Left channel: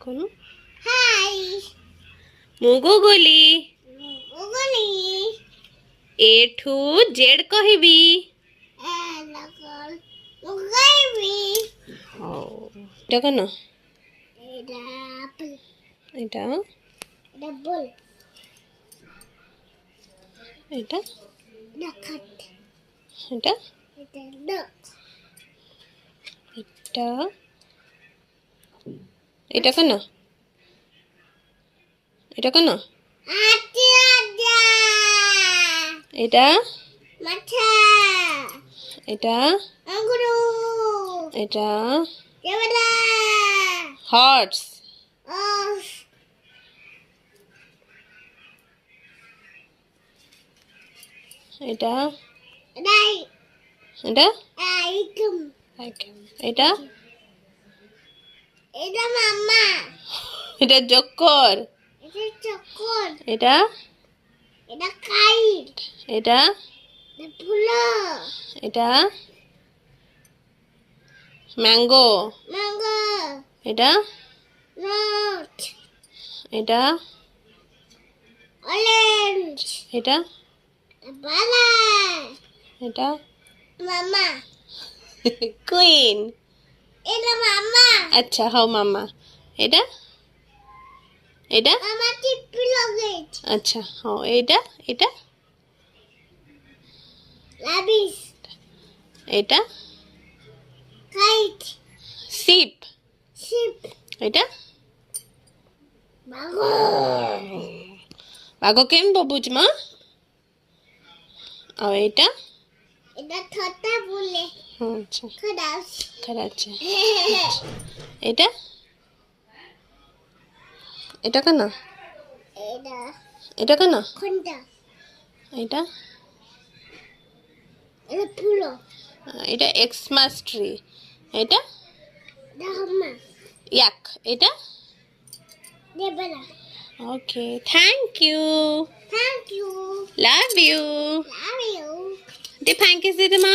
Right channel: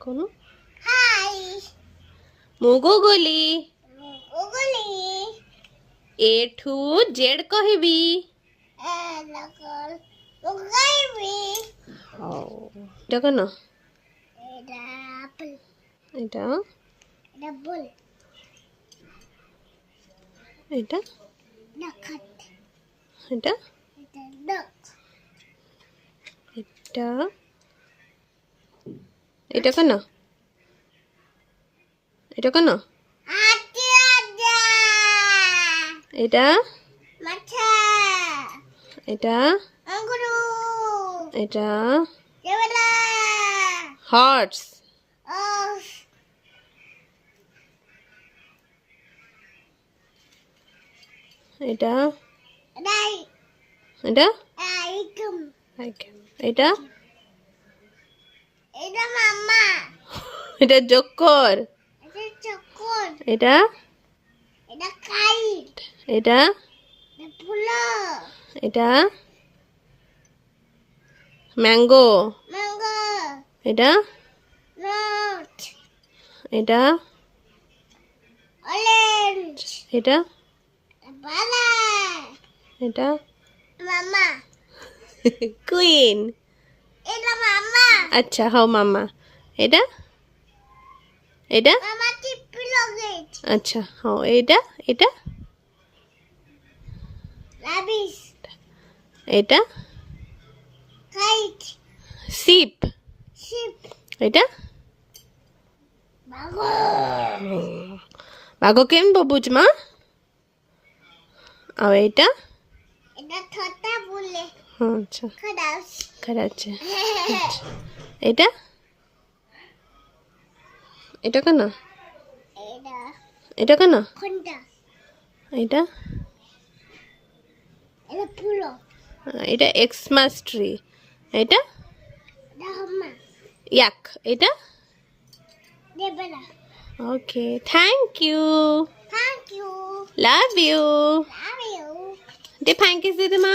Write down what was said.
কোনো হাই মুগুগুলি ওগুলি A to Z କହିବି লগল ওগাইবি এটা কেন এটা আপেল এটা এটা বল এটা এটা খাট এটা এটা ডক এটা এটা কেন এটা কেন আচ্ছা আচ্ছা এটা মাথা এটা আঙ্গুরু এটা কেবলা হর্স অফ এটা রাই এটা আইকুম এটা এটা মাম্মা এটা যোগ কর এটা চক্কর এটা এটা কাইট এটা এটা ফুলো এটা ম্যাঙ্গো ম্যাঙ্গো এটা নট এটা অরেঞ্জ এটা বালা এটা মাম্মা কুইন এটা মাম্মা আচ্ছা হও মামা এটা এটা মামা টিপি লগেজ আচ্ছা হও এটা এটা লাবিস এটা কাইট শিপ শিপ এটা বাগো বাঘ কেমবো বুঝমা আর এটা এটা ছোটা বলে আচ্ছা খদাস খারাচ্ছে এটা এটা কেন এটা এটা কেন খন্ডা এটা এটা ফুলো এটা এক্সমাস ট্রি এটা এটা হাম্মা ইয়াক এটা দেবলা okay thank you thank you love you love you দে থ্যাংক ইউ দিদি মা